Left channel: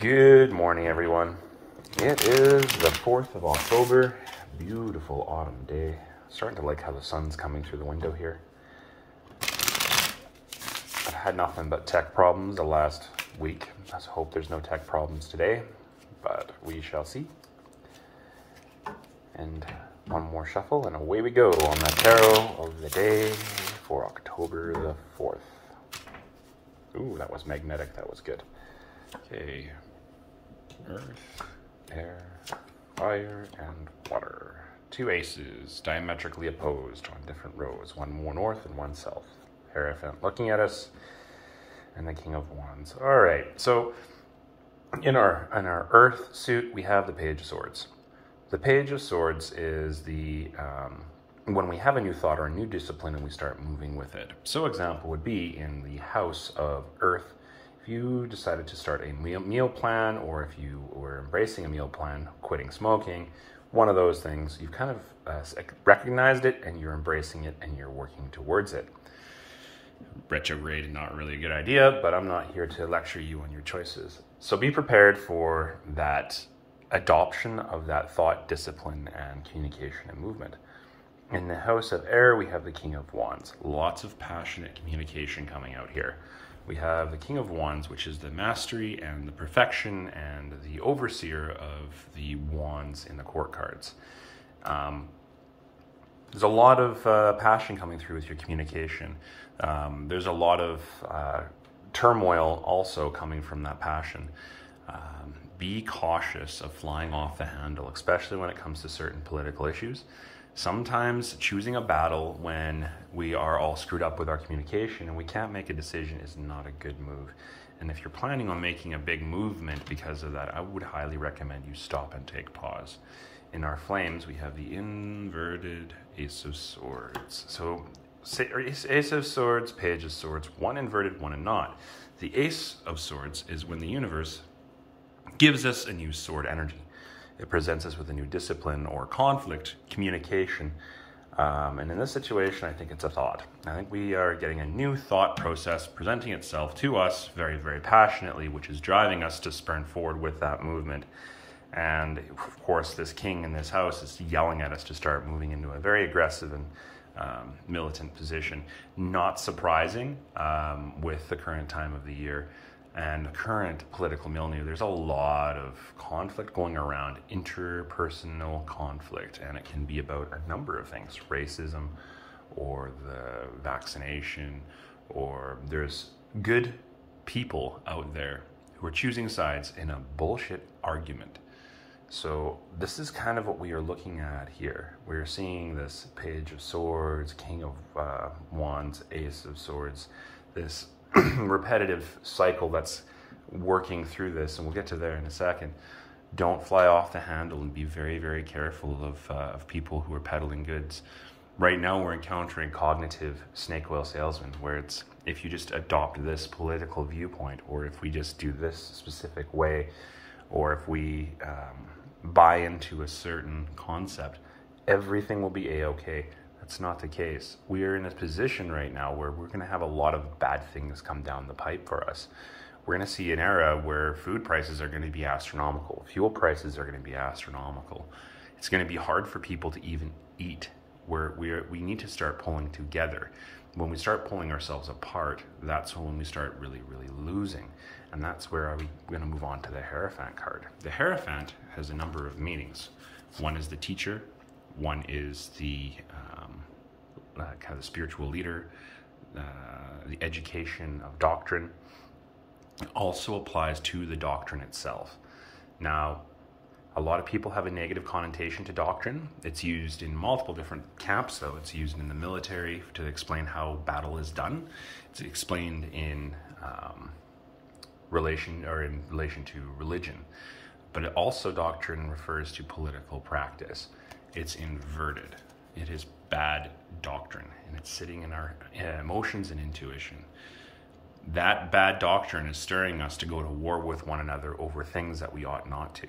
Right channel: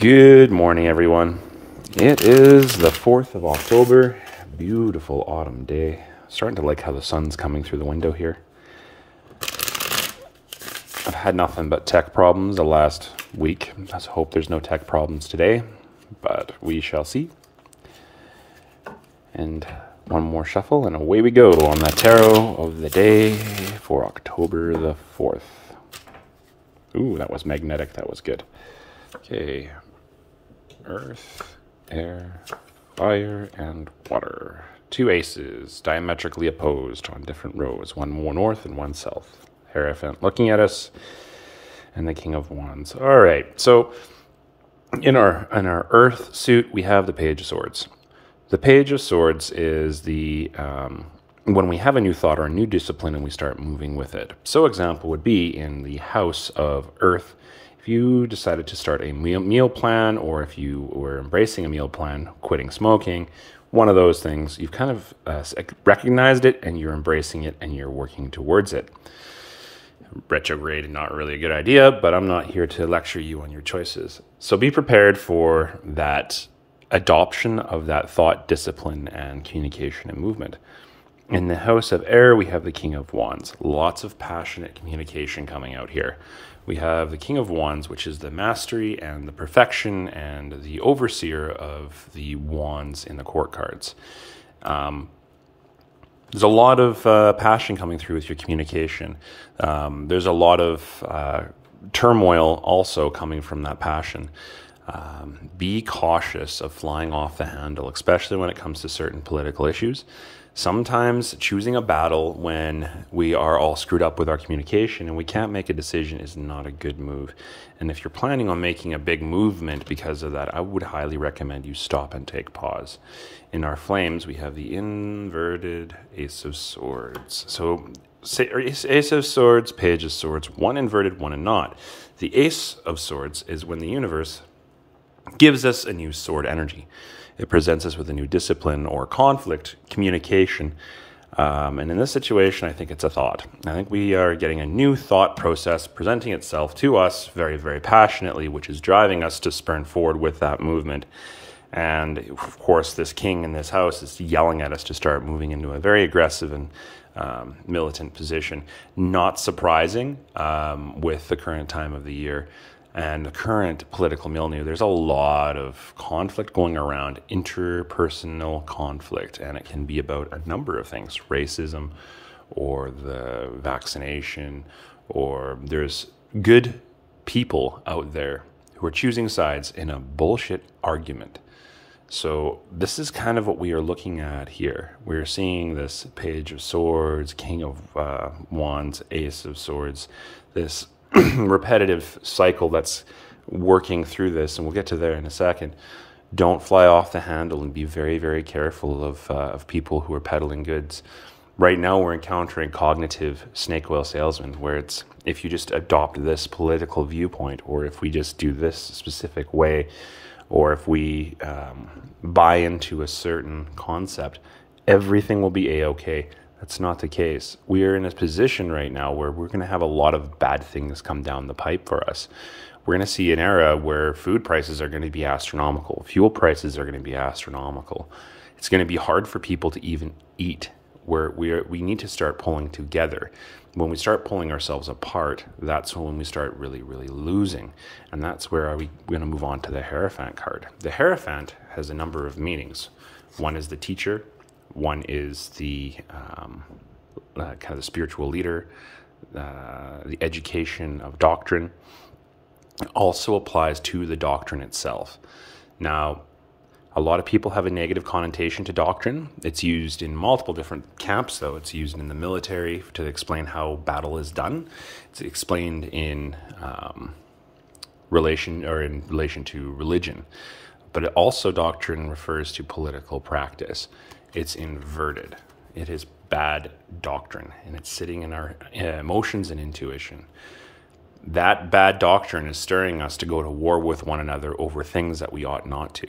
Good morning, everyone. It is the 4th of October. Beautiful autumn day. Starting to like how the sun's coming through the window here. I've had nothing but tech problems the last week. Let's hope there's no tech problems today, but we shall see. And one more shuffle and away we go on the tarot of the day for October the 4th. Ooh, that was magnetic. That was good. Okay. Earth, air, fire, and water. Two aces, diametrically opposed on different rows. One more north and one south. Hierophant looking at us, and the King of Wands. All right, so in our Earth suit, we have the Page of Swords. The Page of Swords is the when we have a new thought or a new discipline and we start moving with it. So example would be in the House of Earth. If you decided to start a meal plan, or if you were embracing a meal plan, quitting smoking, one of those things, you've kind of recognized it and you're embracing it and you're working towards it. Retrograde, not really a good idea, but I'm not here to lecture you on your choices. So be prepared for that adoption of that thought, discipline, and communication and movement. In the House of Air, we have the King of Wands. Lots of passionate communication coming out here. We have the King of Wands, which is the mastery and the perfection and the overseer of the wands in the court cards. There's a lot of passion coming through with your communication. There's a lot of turmoil also coming from that passion. Be cautious of flying off the handle, especially when it comes to certain political issues. Sometimes choosing a battle when we are all screwed up with our communication and we can't make a decision is not a good move. And if you're planning on making a big movement because of that, I would highly recommend you stop and take pause. In our flames, we have the inverted Ace of Swords. So Ace of Swords, Page of Swords, one inverted, one and not. The Ace of Swords is when the universe gives us a new sword energy. It presents us with a new discipline or conflict, communication. And in this situation, I think it's a thought. I think we are getting a new thought process presenting itself to us very, very passionately, which is driving us to spurn forward with that movement. And of course, this king in this house is yelling at us to start moving into a very aggressive and militant position. Not surprising with the current time of the year. And the current political milieu, there's a lot of conflict going around, interpersonal conflict, and it can be about a number of things, racism or the vaccination, or there's good people out there who are choosing sides in a bullshit argument. So this is kind of what we are looking at here. We're seeing this Page of Swords, King of Wands, Ace of Swords, this repetitive cycle that's working through this, and we'll get to there in a second. Don't fly off the handle and be very, very careful of people who are peddling goods. Right now, we're encountering cognitive snake oil salesmen, where it's if you just adopt this political viewpoint, or if we just do this specific way, or if we buy into a certain concept, everything will be a-okay. That's not the case. We are in a position right now where we're going to have a lot of bad things come down the pipe for us. We're going to see an era where food prices are going to be astronomical. Fuel prices are going to be astronomical. It's going to be hard for people to even eat. We need to start pulling together. When we start pulling ourselves apart, that's when we start really, really losing. And that's where we're going to move on to the Hierophant card. The Hierophant has a number of meanings. One is the teacher. One is the kind of the spiritual leader, the education of doctrine. It also applies to the doctrine itself. Now, a lot of people have a negative connotation to doctrine. It's used in multiple different camps, though. It's used in the military to explain how battle is done. It's explained in relation to religion. But also doctrine refers to political practice. It's inverted. It is bad doctrine, and it's sitting in our emotions and intuition. That bad doctrine is stirring us to go to war with one another over things that we ought not to.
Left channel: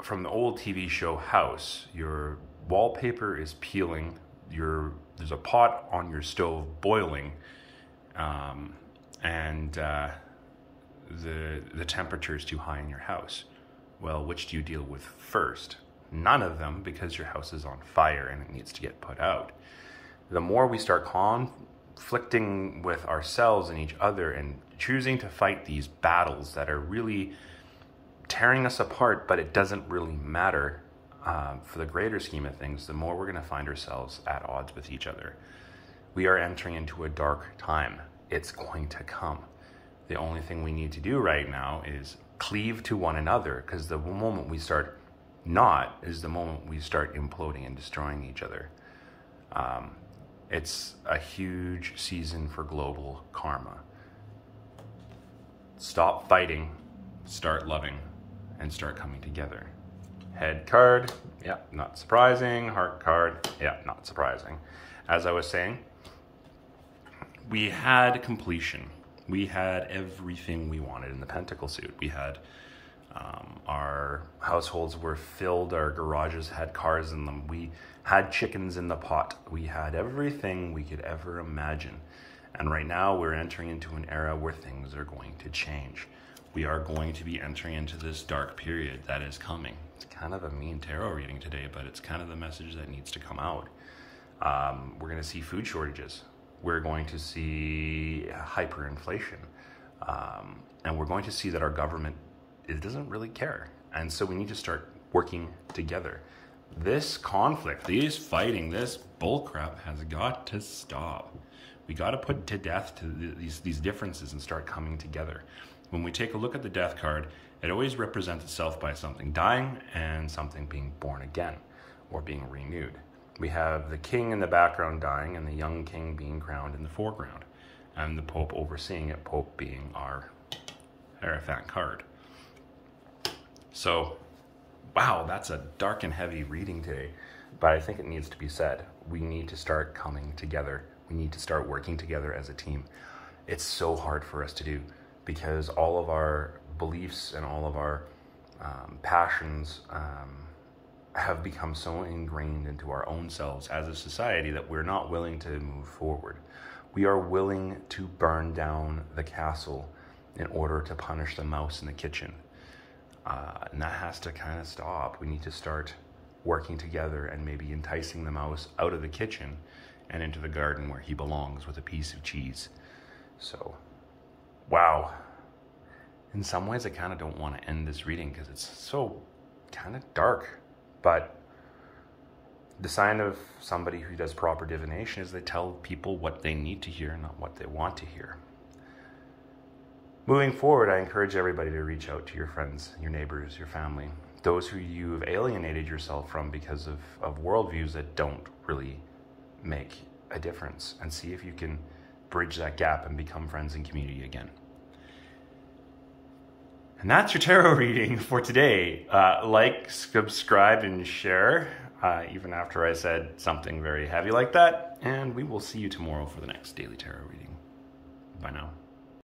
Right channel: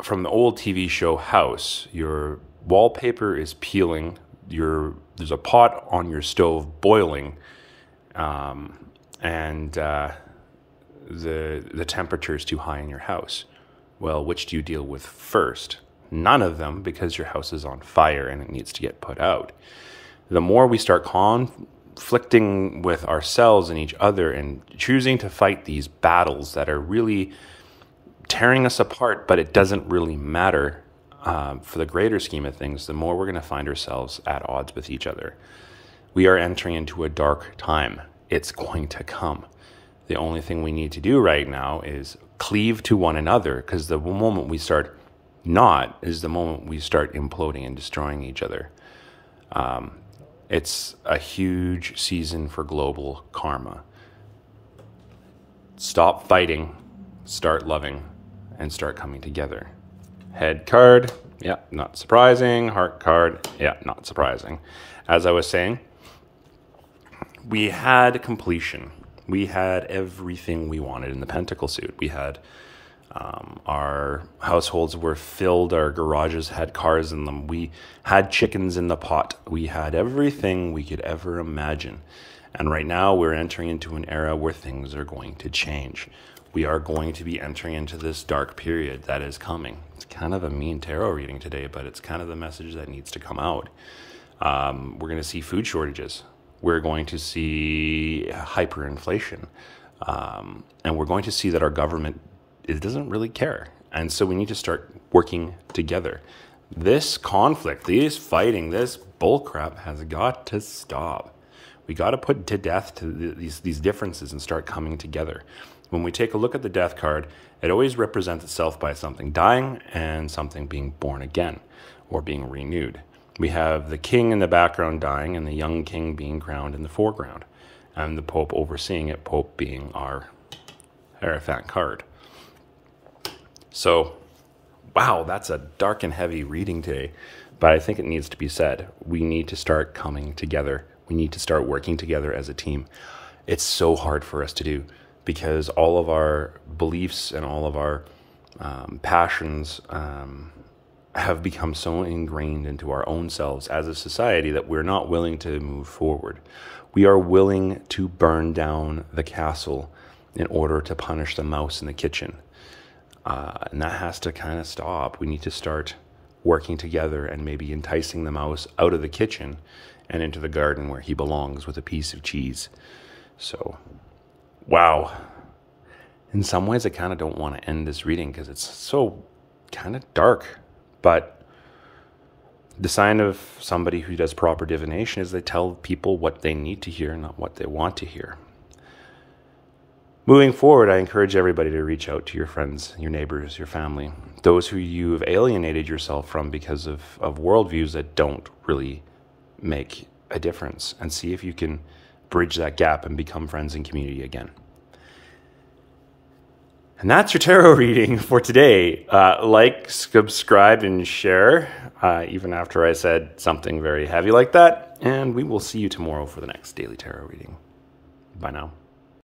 From the old TV show House, your wallpaper is peeling, there's a pot on your stove boiling, and the temperature is too high in your house. Well, which do you deal with first? None of them, because your house is on fire and it needs to get put out. The more we start conflicting with ourselves and each other and choosing to fight these battles that are really tearing us apart, but it doesn't really matter for the greater scheme of things, the more we're going to find ourselves at odds with each other. We are entering into a dark time. It's going to come. The only thing we need to do right now is cleave to one another, because the moment we start not is the moment we start imploding and destroying each other. It's a huge season for global karma. Stop fighting, start loving, and start coming together. Head card, yeah, not surprising. Heart card, yeah, not surprising. As I was saying, we had completion. We had everything we wanted in the pentacle suit. We had our households were filled. Our garages had cars in them. We had chickens in the pot. We had everything we could ever imagine. And right now we're entering into an era where things are going to change. We are going to be entering into this dark period that is coming. It's kind of a mean tarot reading today, but it's kind of the message that needs to come out. We're going to see food shortages. We're going to see hyperinflation. And we're going to see that our government doesn't really care. And so we need to start working together. This conflict, these fighting, this bullcrap has got to stop. We got to put to death to these differences and start coming together. When we take a look at the death card, it always represents itself by something dying and something being born again or being renewed. We have the king in the background dying and the young king being crowned in the foreground, and the Pope overseeing it, Pope being our Hierophant card. So, wow, that's a dark and heavy reading today, but I think it needs to be said. We need to start coming together. We need to start working together as a team. It's so hard for us to do because all of our beliefs and all of our passions have become so ingrained into our own selves as a society that we're not willing to move forward. We are willing to burn down the castle in order to punish the mouse in the kitchen. And that has to kind of stop. We need to start working together and maybe enticing the mouse out of the kitchen and into the garden where he belongs with a piece of cheese. So, wow. In some ways, I kind of don't want to end this reading because it's so kind of dark. But the sign of somebody who does proper divination is they tell people what they need to hear, not what they want to hear. Moving forward, I encourage everybody to reach out to your friends, your neighbors, your family, those who you have alienated yourself from because of worldviews that don't really make a difference, and see if you can bridge that gap and become friends and community again. And that's your tarot reading for today. Like, subscribe, and share, even after I said something very heavy like that. And we will see you tomorrow for the next daily tarot reading. Bye now.